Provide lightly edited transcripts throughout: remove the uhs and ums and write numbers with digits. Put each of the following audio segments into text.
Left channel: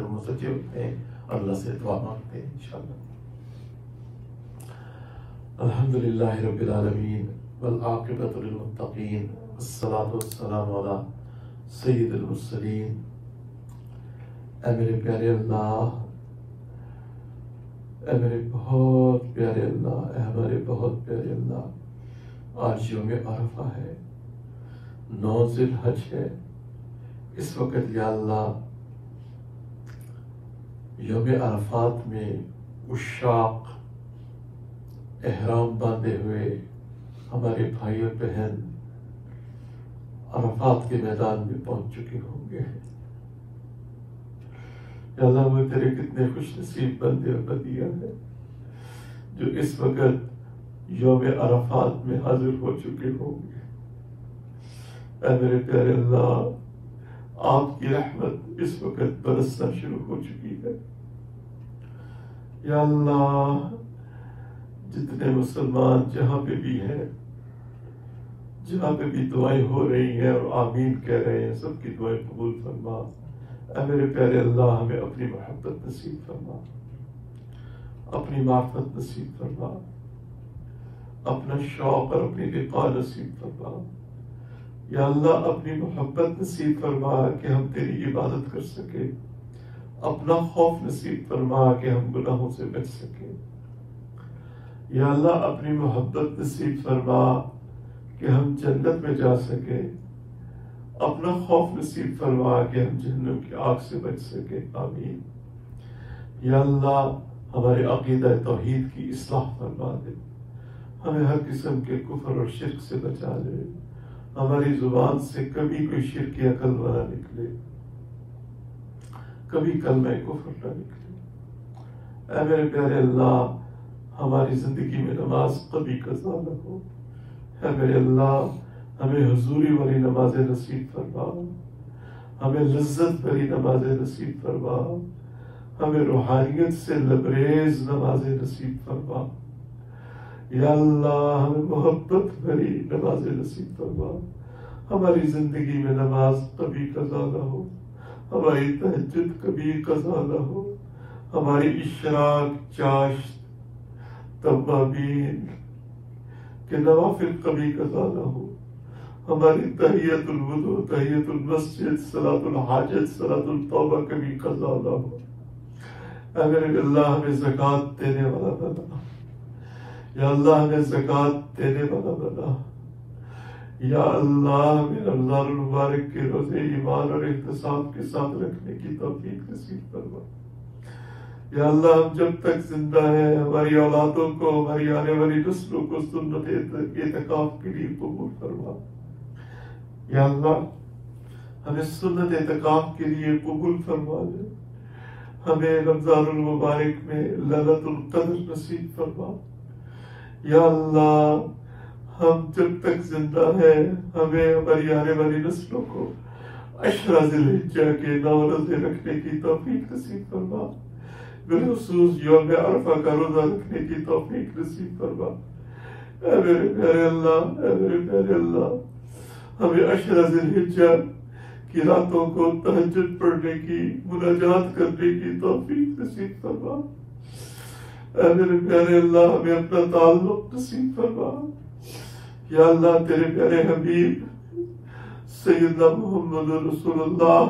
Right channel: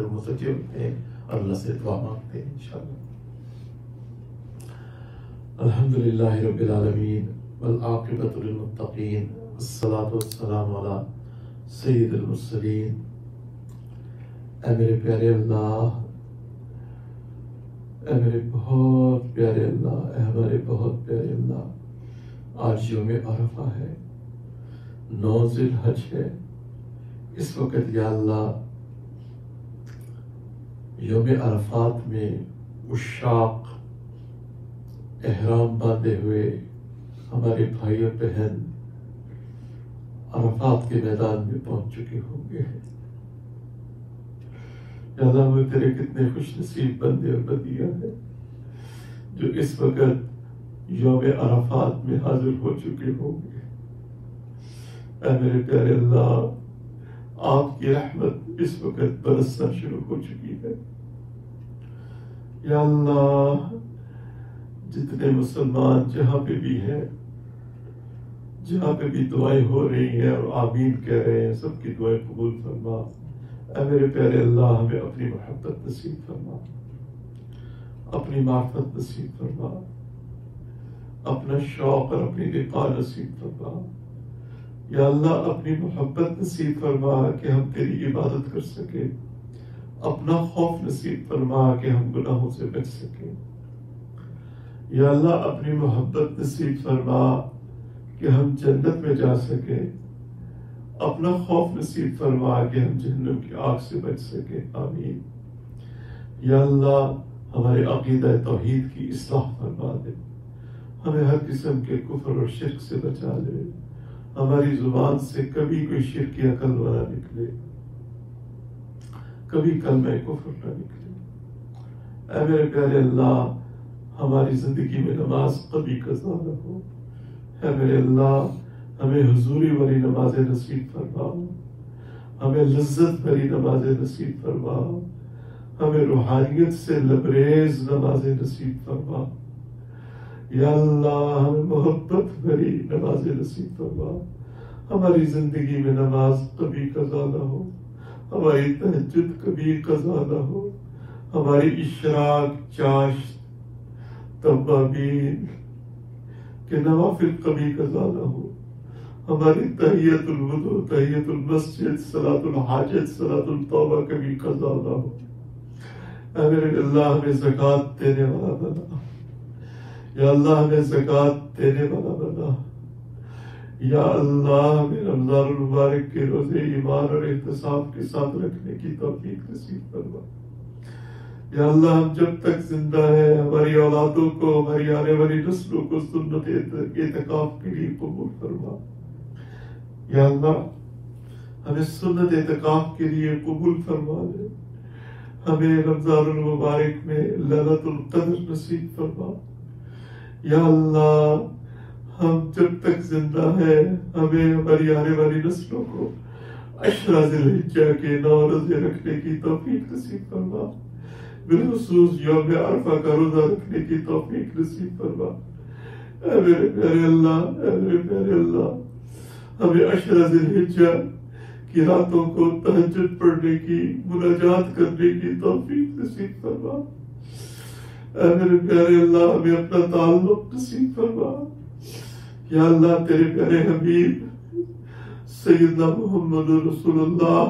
متوجہ ہوتے ہیں، اللہ سے دعا مانگتے ہیں انشاءاللہ۔ الحمدللہ رب العالمین والعاقبۃ للمتقین والصلاۃ والسلام علی سید المرسلین۔ اے میرے پیارے اللہ، اے میرے بہت پیارے اللہ، اے ہمارے بہت پیارے اللہ، آج یوم عرفہ ہے، 9 ذی الحج ہے۔ اس وقت یا اللہ یوم عرفات میں عشاق احرام باندھے ہوئے ہمارے بھائی اور بہن عرفات کے میدان میں پہنچ چکے ہوں گے۔ یا اللہ ہمیں تیرے کتنے خوش نصیب بندے اور بندیاں ہیں جو اس وقت یوم عرفات میں حاضر ہو چکے ہوں گے۔ اے میرے پیارے اللہ، آپ کی رحمت اس وقت برسنا شروع ہو چکی ہے۔ یا اللہ، جتنے مسلمان جہاں پہ بھی ہیں، جہاں پہ بھی دعائیں ہو رہی ہیں اور آمین کہہ رہے ہیں، سب کی دعائیں قبول فرما۔ اے میرے پیارے اللہ، ہمیں اپنی محبت نصیب فرما، اپنی معرفت نصیب فرما، اپنا شوق اور اپنی لقاء نصیب فرما۔ یا اللہ، اپنی محبت نصیب فرما کہ ہم تیری عبادت کر سکیں، اپنا خوف نصیب فرما کہ ہم گناہوں سے بچ سکیں۔ یا اللہ، اپنی محبت نصیب فرما کہ ہم جنت میں جا سکیں، اپنا خوف نصیب فرما کہ ہم جہنم کی آگ سے بچ سکیں، آمین۔ یا اللہ، ہمارے عقیدہ توحید کی اصلاح فرما دے، ہمیں ہر قسم کے کفر اور شرک سے بچا لے، ہماری زبان سے کبھی کوئی شرک یا کلمہ نہ نکلے، کبھی کلمہ کفر نہ نکلے۔ اے میرے پیارے اللہ، ہماری زندگی میں نماز کبھی قضا نہ ہو۔ اے میرے اللہ، ہمیں حضوری والی نمازیں نصیب فرما، ہمیں لذت بھری نمازیں نصیب فرما، ہمیں روحانیت سے لبریز نمازیں نصیب فرما۔ یا اللہ، ہمیں محبت بھری نمازیں نصیب فرما۔ ہماری زندگی میں نماز کبھی قضا نہ ہو، ہماری تہجد کبھی قضا نہ ہو، ہماری اشراق، چاشت، توابین کے نوافل کبھی قضا نہ ہو، ہماری تحیت الوضو، تحیت المسجد، صلاۃ الحاجت، صلاۃ التوبہ کبھی قضا نہ ہو۔ اے میرے اللہ، ہمیں زکوٰۃ دینے والا بنا۔ یا اللہ، ہمیں زکوٰۃ دینے والا بنا۔ یا اللہ، ہمیں رمضان المبارک کے روزے ایمان اور احتساب کے ساتھ رکھنے کی توفیق نصیب فرما۔ یا اللہ، ہم جب تک زندہ ہیں ہماری اولادوں کو، ہماری آنے والی نسلوں کو سنت اعتکاف کے لیے قبول فرما۔ یا اللہ، ہمیں سنت اعتکاف کے لیے قبول فرما لے، ہمیں رمضان المبارک میں لیلۃ القدر نصیب فرما۔ یا اللہ، ہم جب تک زندہ ہیں ہمیں ہماری آنے والی نسلوں کو عشرہ ذی الحجہ کے 9 روزے رکھنے کی توفیق نصیب فرما، بالخصوص یوم عرفہ کا روزہ رکھنے کی توفیق نصیب فرما۔ اے میرے پیارے اللہ، اے میرے پیارے اللہ، ہمیں عشرہ ذی الحجہ کی راتوں کو تہجد پڑھنے کی، مناجات کرنے کی توفیق نصیب فرما۔ اے میرے پیارے اللہ، ہمیں اپنا تعلق نصیب فرما۔ یا اللہ، تیرے پیارے حبیب سیدنا محمد رسول اللہ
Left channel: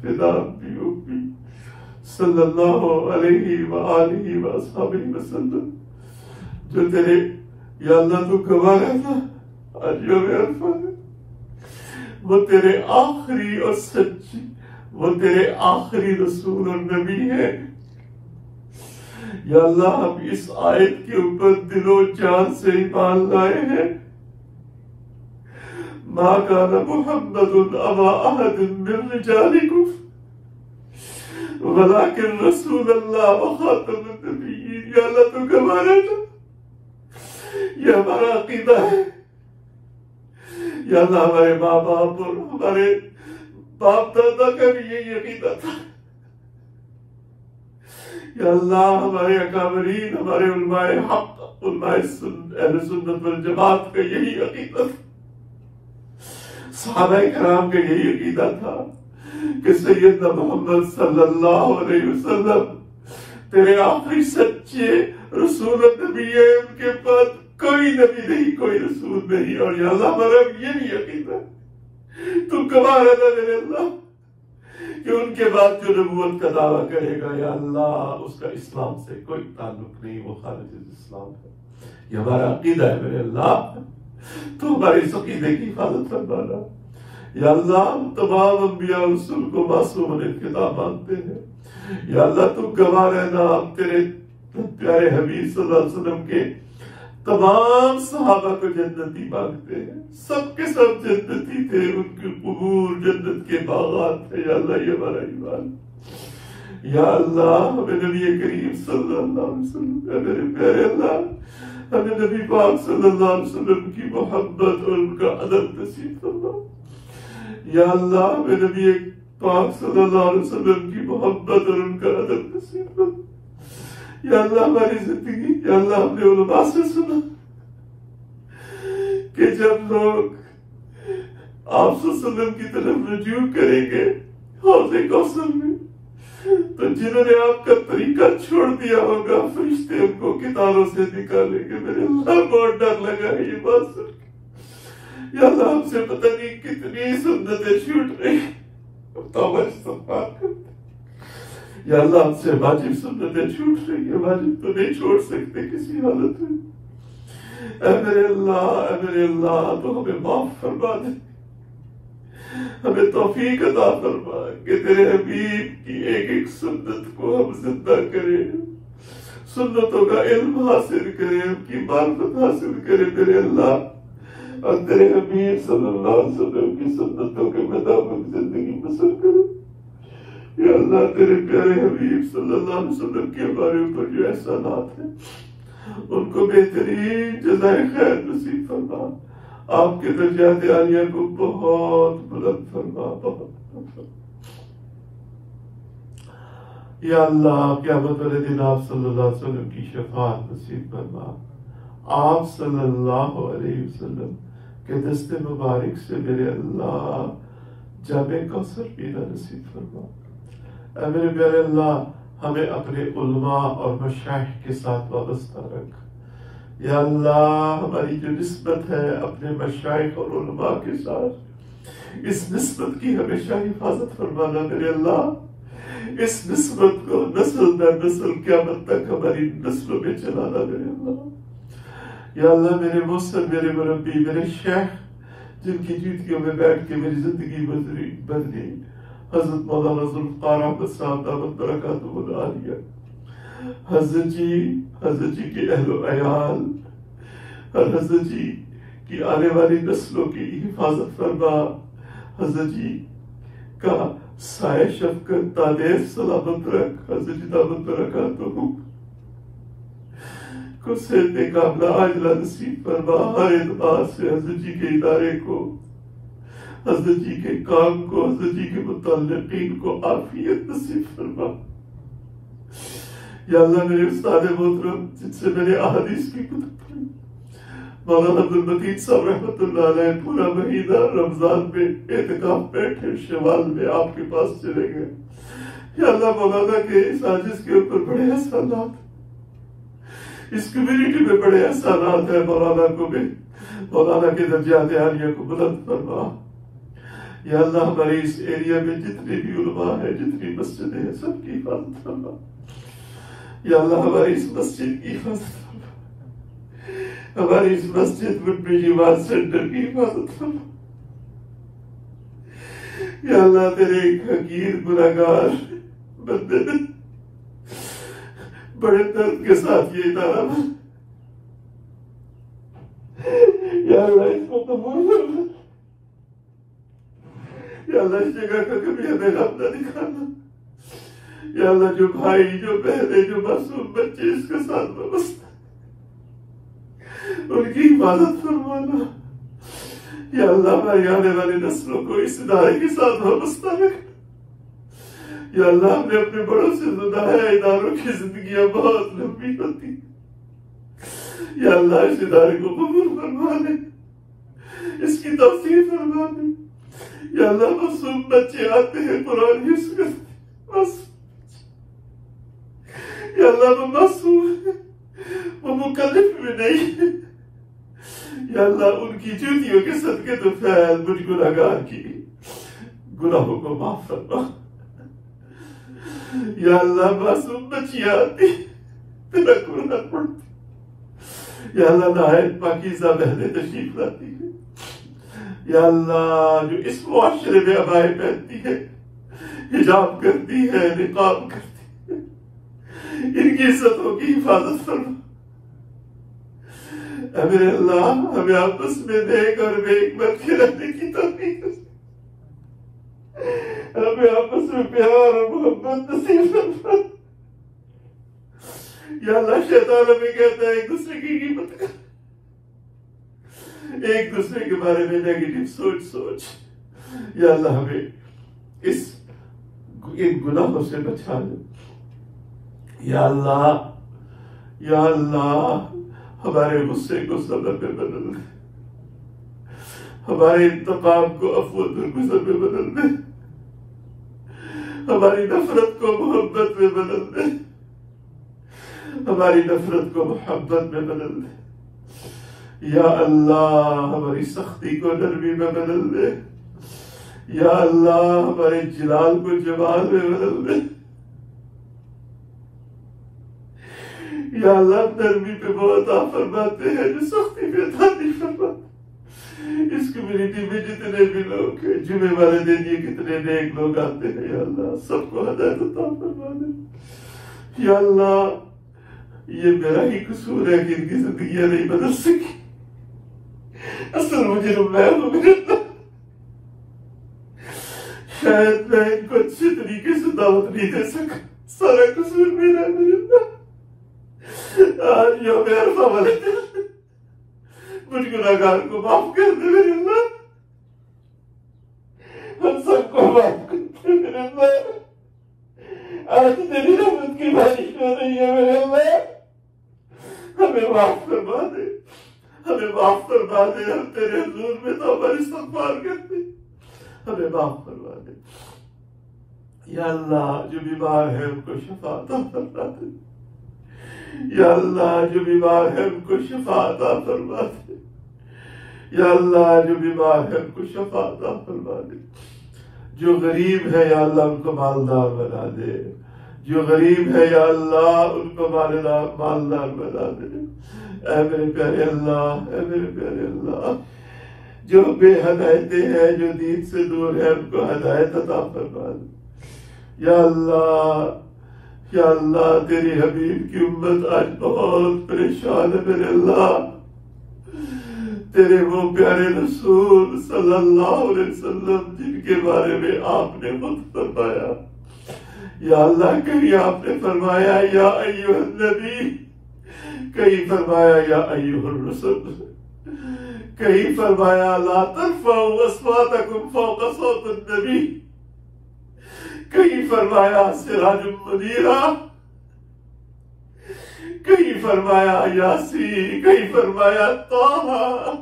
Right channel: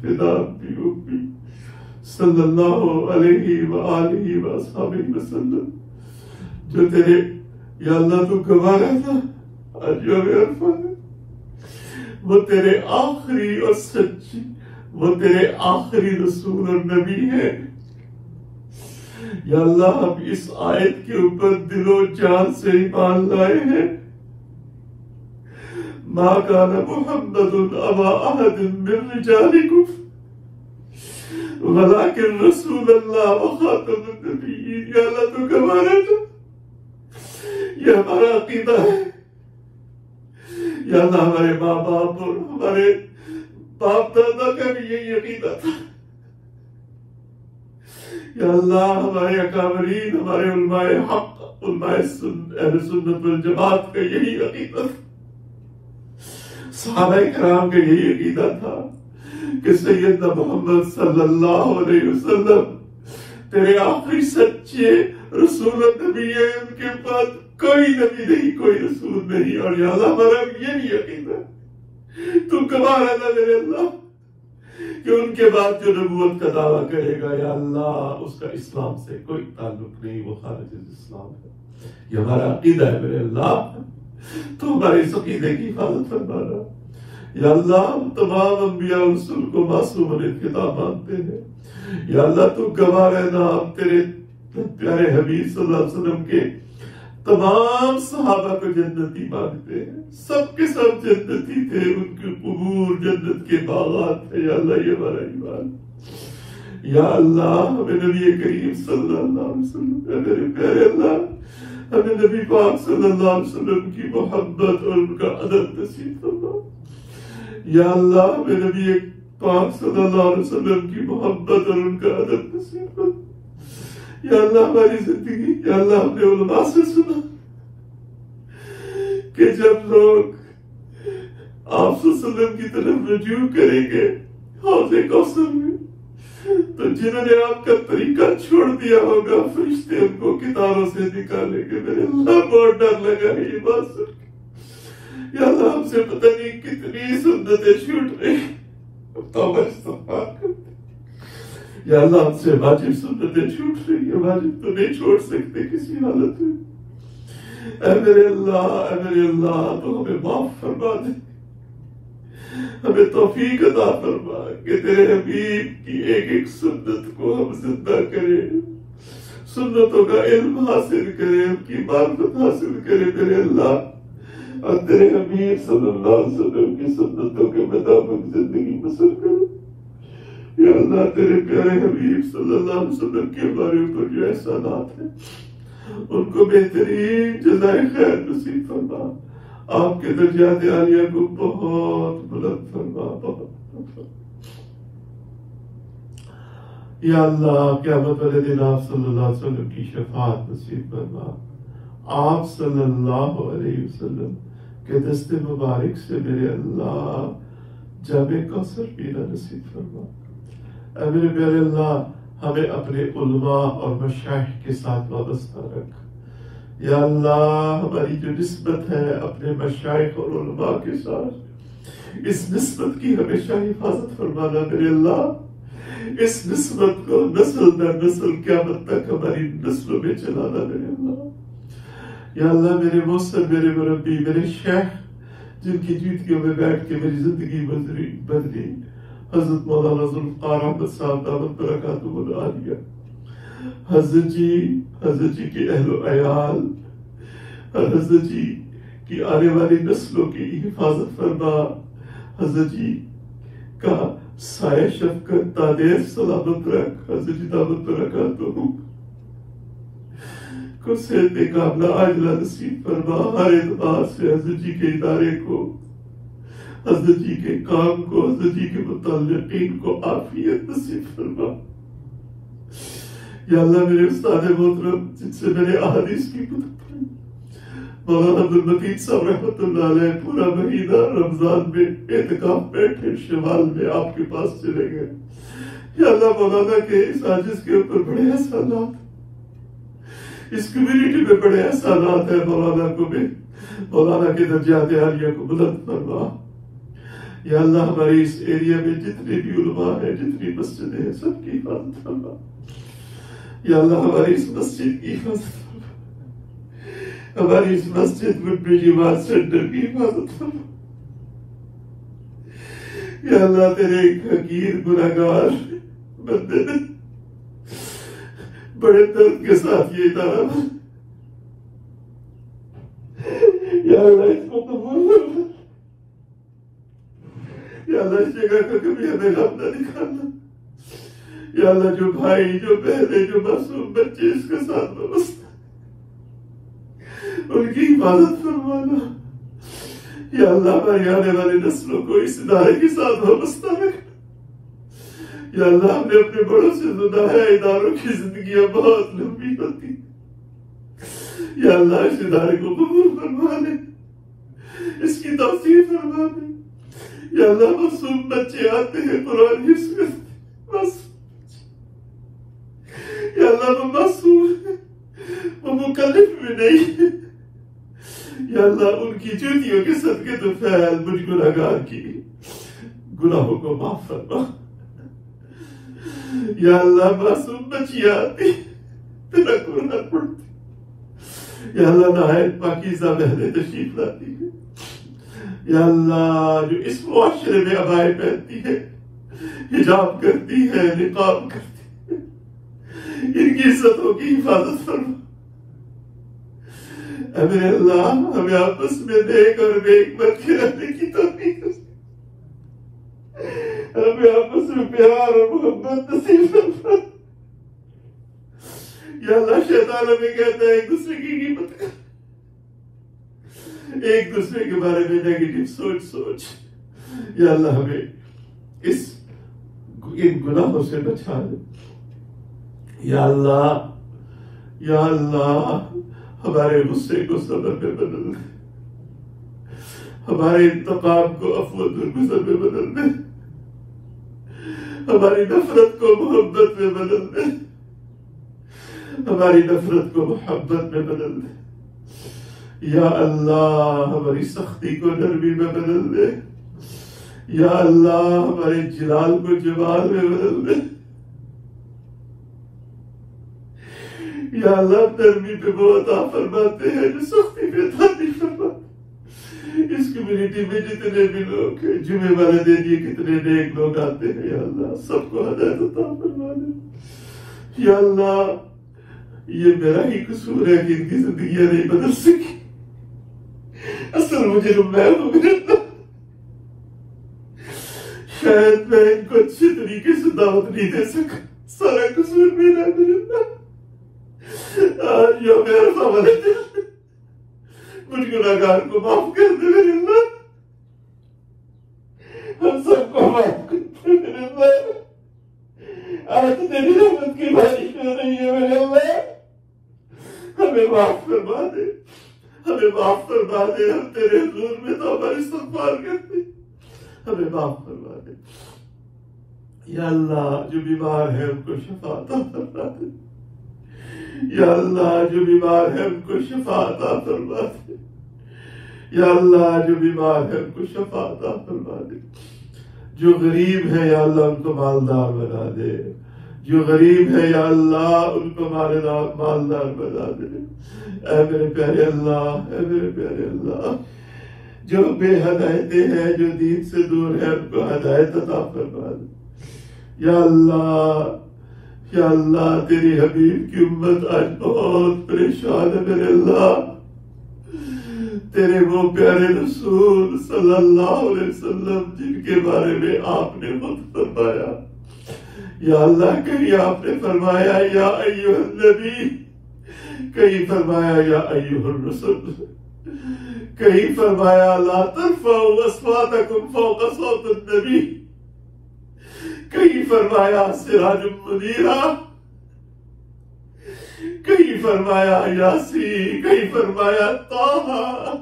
فدا بھی امی صلی اللہ علیہ وآلہ وآصحابہ وسلم، جو تیرے، یا اللہ تو گواہ رہنا آج یوم عرفہ ہے، وہ تیرے آخری اور سچی، وہ تیرے آخری رسول اور نبی ہے۔ یا اللہ، ہم اس آیت کے اوپر دل و جان سے ایمان لائے ہیں، ما کان محمد ابا احد من رجالکم ولکن رسول اللہ وخاتم النبیین۔ یا اللہ تو گواہ رہنا، یہ ہمارا عقیدہ ہے۔ یا اللہ، ہمارے ماں باپ اور ہمارے باپ دادا کا بھی یہی عقیدہ تھا۔ یا اللہ، ہمارے اکابرین، ہمارے علماء حق، علماء اہل سنت والجماعت کا یہی عقیدہ تھا، صحابہ کرام کا یہی عقیدہ تھا۔ کہ سیدنا محمد صلی اللہ علیہ وسلم تیرے آخری سچے رسول اور نبی ہے، ان کے بعد کوئی نبی نہیں، کوئی رسول نہیں، اور یا اللہ ہمارا یہ بھی یقین ہے تم گواہ رہنا میرے اللہ کہ ان کے بعد جو نبوت کا دعویٰ کرے گا یا اللہ اس کا اسلام سے کوئی تعلق نہیں، وہ خارج اسلام ہے۔ یہ ہمارا عقیدہ ہے میرے اللہ، تو ہماری اس عقیدے کی حفاظت فرمانا۔ یا اللہ ہم تمام انبیاء اور رسول کو معصوم خطاب مانتے ہیں، یا اللہ تم گواہ رہنا، تیرے پیارے حبیب صلی اللہ علیہ وسلم کے تمام صحابہ کو جنتی مانگتے ہیں، سب کے سب جنتی تھے، ان کے قبور جنت کے باغات تھے، یا اللہ یہ ہمارا ایمان۔ یا اللہ ہمیں نبی کریم صلی اللہ علیہ وسلم، میرے پیارے اللہ ہمیں نبی پاک صلی اللہ علیہ وسلم کی محبت اور ان کا ادب نصیب فرما۔ یا اللہ ہمیں نبی پاک صلی اللہ علیہ وسلم کی محبت اور ان کا ادب نصیب فرما۔ یا اللہ ہماری زندگی، یا اللہ ہم نے علماء سے سنا کہ جب لوگ آپ صلی اللہ علیہ وسلم کی طرف رجوع کریں گے حوض کوثر میں، تو جنہوں نے آپ کا طریقہ چھوڑ دیا ہوگا فرشتے ان کو کتاروں سے نکالیں گے۔ میرے اللہ بہت ڈر لگا ہے یہ بات سن کے۔ یا اللہ ہم سے پتہ نہیں کتنی سنتیں چھوٹ رہی، توبہ استغفار کرتے۔ یا اللہ ہم سے واجب سنتیں چھوٹ رہی ہیں، واجب تو نہیں چھوڑ سکتے کسی حالت میں۔ اے میرے اللہ تو ہمیں معاف فرما دے، ہمیں توفیق عطا فرما کہ تیرے حبیب کی ایک ایک سنت کو ہم زندہ کریں، سنتوں کا علم حاصل کریں، ان کی معرفت حاصل کریں میرے اللہ، اور تیرے حبیب صلی اللہ علیہ وسلم کی سنتوں کے مطابق زندگی بسر کریں۔ یا اللہ تیرے پیارے حبیب صلی اللہ علیہ وسلم کے ہمارے اوپر جو احسانات ہیں ان کو بہترین جزائے خیر نصیب فرما، آپ کے درجات عالیہ کو بہت بلند فرما، بہت بلند فرما۔ یا اللہ قیامت والے دن آپ صلی اللہ علیہ وسلم کی شفاعت نصیب فرما، آپ صلی اللہ علیہ وسلم کے دست مبارک سے میرے اللہ جام کوثر پینا نصیب فرما۔ اے میرے پیارے اللہ ہمیں اپنے علماء اور مشائخ کے ساتھ وابستہ رکھ۔ یا اللہ ہماری جو نسبت ہے اپنے مشائخ اور علماء کے ساتھ، اس نسبت کی ہمیشہ حفاظت فرمانا میرے اللہ، اس نسبت کو نسل در نسل قیامت تک ہماری نسلوں میں چلانا میرے اللہ۔ یا اللہ میرے موثر، میرے مربی، میرے شیخ جن کی جوتیوں میں بیٹھ کے میری زندگی بدلی، حضرت مولانا ذوالفقار احمد صاحب دامت برکاتہ العالیہ، حضرت جی کے اہل و عیال، حضرت جی کی آنے والی نسلوں کی حفاظت فرما، حضرت جی کا سایہ شفقت تادیر سلامت رکھ، حضرت جی دامت برکاتہ کو صحت کاملہ عاجلہ نصیب فرما، ہر اعتبار سے حضرت جی کے ادارے کو، حضرت جی کے کام کو، حضرت جی کے متعلقین کو عافیت نصیب فرما۔ یا اللہ میرے استاد محترم جن سے میں نے احادیث کی کتب پڑھی، مولانا عبدالمتین صاحب رحمۃ اللہ علیہ پورا مہینہ رمضان میں اعتکاف بیٹھے، شوال میں آپ کے پاس چلے گئے۔ یا اللہ مولانا کے اس عاجز کے اوپر بڑے احسانات، اس کمیونٹی میں بڑے احسانات ہیں، مولانا کو بھی، مولانا کے درجات عالیہ کو بلند فرما۔ یا اللہ ہمارے اس ایریا میں جتنے بھی علماء ہیں، جتنی مسجدیں ہیں، سب کی حفاظت فرما۔ یا اللہ ہماری اس مسجد کی حفاظت فرما، ہماری اس مسجد میں جماعت سینٹر کی حفاظت فرما۔ یا اللہ تیرے ایک حقیر گناہگار بندے نے بڑے درد کے ساتھ یہ ادارہ بنا، یا اللہ اس کو قبول فرما۔ یا اللہ اس جگہ کا کبھی ہمیں غم نہ دکھانا۔ یا اللہ جو بھائی، جو بہنیں، جو معصوم بچے اس کے ساتھ وابستہ، ان کی حفاظت فرمانا۔ یا اللہ ہماری آنے والی نسلوں کو اس ادارے کے ساتھ وابستہ رکھنا۔ یا اللہ ہم نے اپنے بڑوں سے سنا ہے اداروں کی زندگیاں بہت لمبی ہوتی۔ یا اللہ اس ادارے کو قبول فرما لے، اس کی توسیع فرما لے۔ یا اللہ معصوم بچے آتے ہیں قرآن حفظ کرتے ہیں، یا اللہ وہ معصوم ہے، وہ مکلف بھی نہیں ہے، یا اللہ ان کی جوتیوں کے صدقے تو فیض مجھ گناہگار کی گناہوں کو معاف فرما۔ یا اللہ معصوم بچی آتی تیرا قرآن پڑھتی، یا اللہ نہایت پاکیزہ بہنیں تشریف لاتی ہے، یا اللہ جو اس معاشرے میں عبائے پہنتی ہے، حجاب کرتی ہے، نقاب کرتی ہے، ان کی عزتوں کی حفاظت فرما۔ اے میرے اللہ ہمیں آپس میں نیک اور نیک بن کے رہنے کی توفیق، ہمیں آپس میں پیار اور محبت نصیب فرما۔ یا اللہ شیطان ہمیں کہتا ہے ایک دوسرے کی غیبت کر، ایک دوسرے کے بارے میں نیگیٹو سوچ، یا اللہ ہمیں ان گناہوں سے بچا دے۔ یا اللہ ہمارے غصے کو صبر میں بدل دے، ہمارے انتقام کو عفو و درگزر میں بدل دے، ہماری نفرت کو محبت میں بدل دے، ہماری نفرت کو محبت میں بدل دے۔ یا اللہ ہماری سختی کو نرمی میں بدل دے، یا اللہ ہمارے جلال کو جمال میں بدل دے۔ یا اللہ نرمی پہ وہ عطا فرماتے ہیں جو سختی پہ عطا نہیں فرماتے۔ اس کمیونٹی میں جتنے بھی لوگ ہیں، جمعے والے دن یہ کتنے نیک لوگ آتے ہیں، یا اللہ سب کو ہدایت عطا فرما دے۔ یا اللہ یہ میرا ہی قصور ہے کہ ان کی زندگیاں نہیں بدل سکی، اصل مجرم میں ہوں میرے اللہ، شاید میں ان کو اچھے طریقے سے دعوت نہیں دے سکا، سارا قصور میرا ہے میرے اللہ۔ آج یوم عرفہ والے دن مجھ گناہگار کو معاف کر دے میرے اللہ، ہم سب کو معاف کر دے میرے اللہ۔ آج تیری رحمت کی بارش ہو رہی ہے میرے اللہ، ہمیں معاف فرما دے، ہمیں معاف فرما دے، ہم تیرے حضور میں توبہ استغفار کرتے، ہمیں معاف فرما دے۔ یا اللہ جو بیمار ہے ان کو شفا عطا فرما دے، یا اللہ جو بیمار ہے ان کو شفا عطا فرما دے، یا اللہ جو بیمار ہے ان کو شفا عطا فرما دے۔ جو غریب ہے یا اللہ ان کو مالدار بنا دے، جو غریب ہے یا اللہ ان کو مالدار بنا دے۔ اے میرے پیارے اللہ، اے میرے پیارے اللہ، جو بے ہدایتیں ہیں، جو دین سے دور ہے، ان کو ہدایت عطا فرما دے۔ یا اللہ، یا اللہ تیری حبیب کی امت آج بہت پریشان ہے میرے اللہ، تیرے وہ پیارے رسول صلی اللہ علیہ وسلم جن کے بارے میں آپ نے خود فرمایا، یا اللہ کہیں آپ نے فرمایا یا ایھا النبی، کہیں فرمایا یا ایھا الرسول، کہیں فرمایا لا ترفعوا اصواتکم فوق صوت النبی، کہیں فرمایا سراج منیرا، کہیں فرمایا یاسین، کہیں فرمایا طٰہٰ،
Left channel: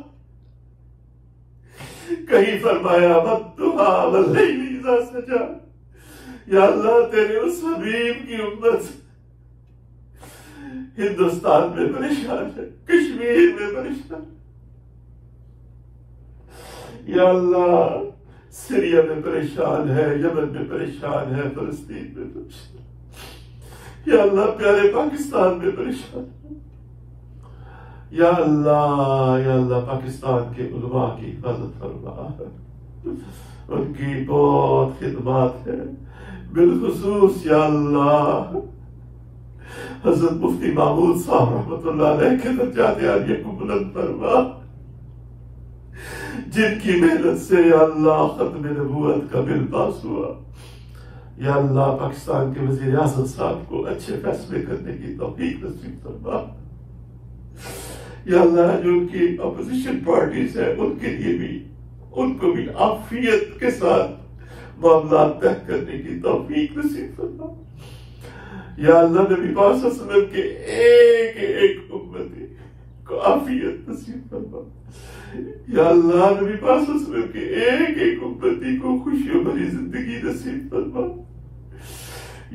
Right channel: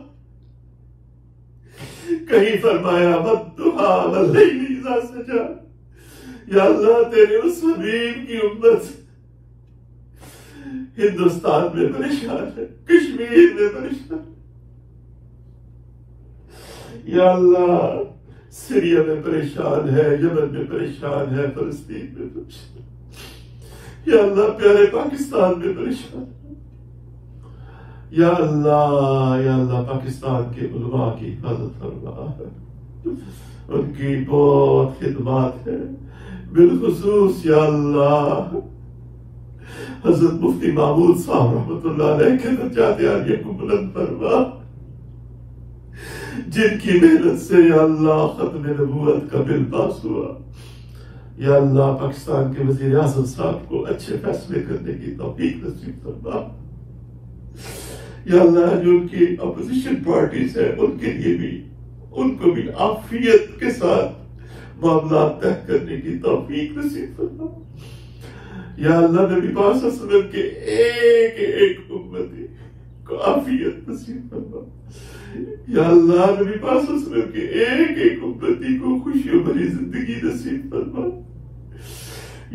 کہیں فرمایا والضحیٰ واللیل اذا سجیٰ۔ یا اللہ تیرے اس حبیب کی امت ہندوستان میں پریشان ہے، کشمیر میں پریشان ہے، یا اللہ سیریا میں پریشان ہے، یمن میں پریشان ہے، فلسطین میں پریشان ہے، یا اللہ پیارے پاکستان میں پریشان ہے۔ یا اللہ پاکستان کے علماء کی حفاظت فرما، ان کی بہت خدمات ہے، بالخصوص یا اللہ حضرت مفتی محمود صاحب رحمۃ اللہ علیہ کے درجات عالیہ کو بلند فرما، جن کی محنت سے یا اللہ ختم نبوت کا بل پاس ہوا۔ یا اللہ پاکستان کے وزیر اعظم صاحب کو اچھے فیصلے کرنے کی توفیق نصیب فرما۔ یا اللہ جو ان کی اپوزیشن پارٹیز ہیں ان کے لیے بھی، ان کو بھی عافیت کے ساتھ معاملات طے کرنے کی توفیق نصیب فرما۔ یا اللہ نبی پاک صلی اللہ علیہ وسلم کے ایک ایک امتی کو عافیت نصیب فرما۔ یا اللہ نبی پاک صلی اللہ علیہ وسلم کے ایک ایک امتی کو خوشیوں بھری زندگی نصیب فرما.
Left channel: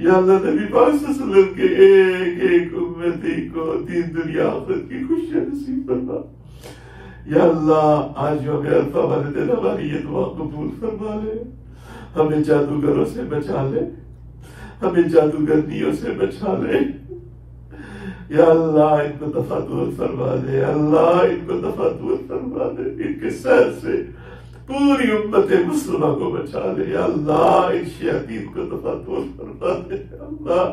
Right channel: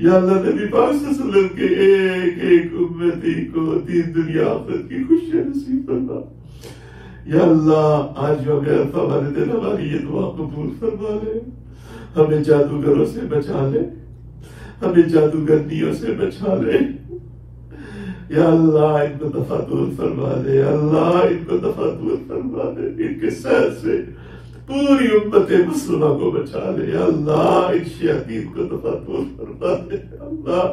یا اللہ نبی پاک صلی اللہ علیہ وسلم کے ایک ایک امتی کو دین دنیا آخرت کی خوشیاں نصیب فرما. یا اللہ آج جو ہمیں عرفہ والے دن ہماری یہ دعا قبول فرما لے. ہمیں جادوگروں سے بچا لے, ہمیں جادوگرنیوں سے بچا لے. یا اللہ ان کو دفع دور فرما دے. اللہ ان کو دفع دور فرما دے. ان کے سحر سے پوری امت مسلمہ کو بچا لے. یا اللہ ان شیاطین کو دفع دور فرما دے. اللہ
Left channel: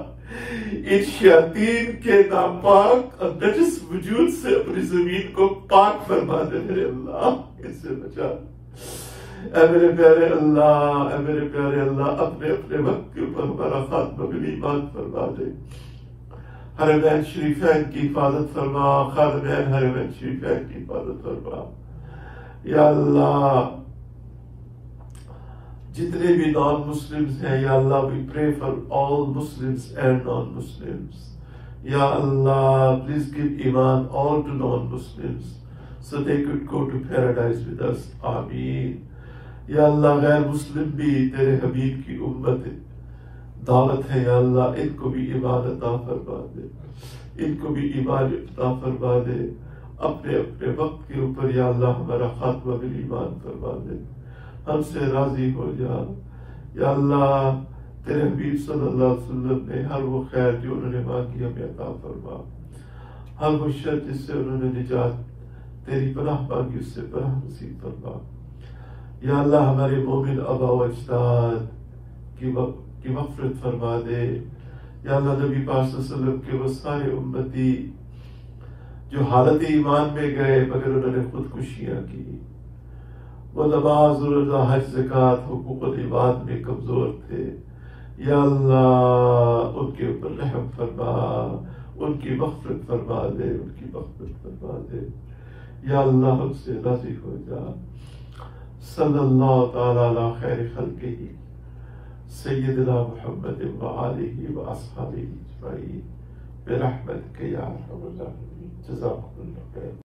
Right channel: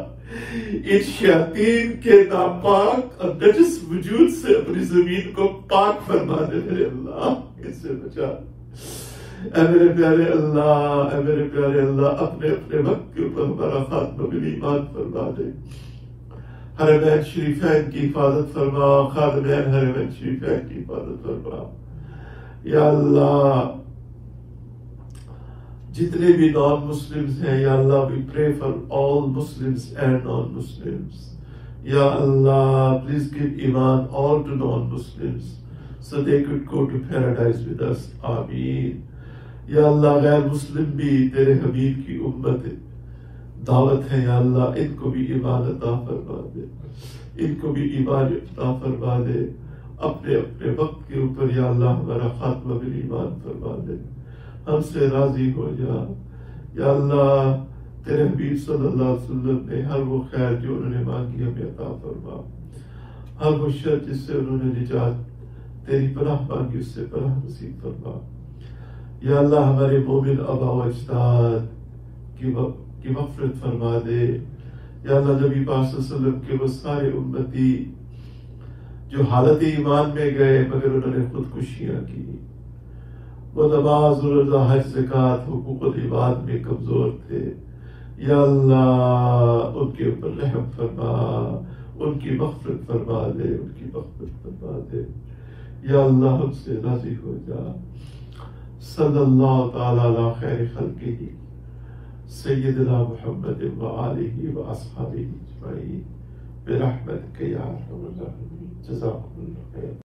ان شیاطین کے ناپاک اور نجس وجود سے اپنی زمین کو پاک فرما دے. میرے اللہ ان سے بچا. اے میرے پیارے اللہ, اے میرے پیارے اللہ, اپنے اپنے وقت کے اوپر ہمارا خاتمہ بالایمان فرما دے. حرمین شریفین کی حفاظت فرما. خادمین حرمین شریفین کی حفاظت فرما. یا اللہ جتنے بھی نان مسلمز ہیں, یا اللہ we pray for all Muslims and non-Muslims. یا اللہ please give iman all to non-Muslims so they could go to paradise with us. آمین. یا اللہ غیر مسلم بھی تیرے حبیب کی امت دعوت ہے. یا اللہ ان کو بھی ایمان عطا فرما دے, ان کو بھی ایمان عطا فرما دے. اپنے اپنے وقت کے اوپر یا اللہ ہمارا خاتمہ بالایمان فرما دے. ہم سے راضی ہو جا. یا اللہ تیرے حبیب صلی اللہ علیہ وسلم نے ہر وہ خیر جو انہوں نے مانگی ہمیں عطا فرما. ہر وہ شر جس سے انہوں نے نجات تیری پناہ مانگی اس سے پناہ نصیب فرما. یا اللہ ہمارے مومن آبا و اجداد کی مغفرت فرما دے. یا اللہ نبی پاک صلی اللہ علیہ وسلم کے وہ سارے امتی جو حالت ایمان میں گئے مگر انہوں نے خودکشیاں کی, وہ نماز روزہ حج زکوٰۃ حقوق العباد میں کمزور تھے. یا اللہ ان کے اوپر رحم فرما, ان کی مغفرت فرما دے, ان کی مغفرت فرما دے. یا اللہ ہم سے راضی ہو جا. صلی اللہ تعالی علی خیر خلقہ سیدنا محمد وآلہ واصحابہ اجمعین برحمتک یا ارحم الراحمین. جزاکم اللہ خیر.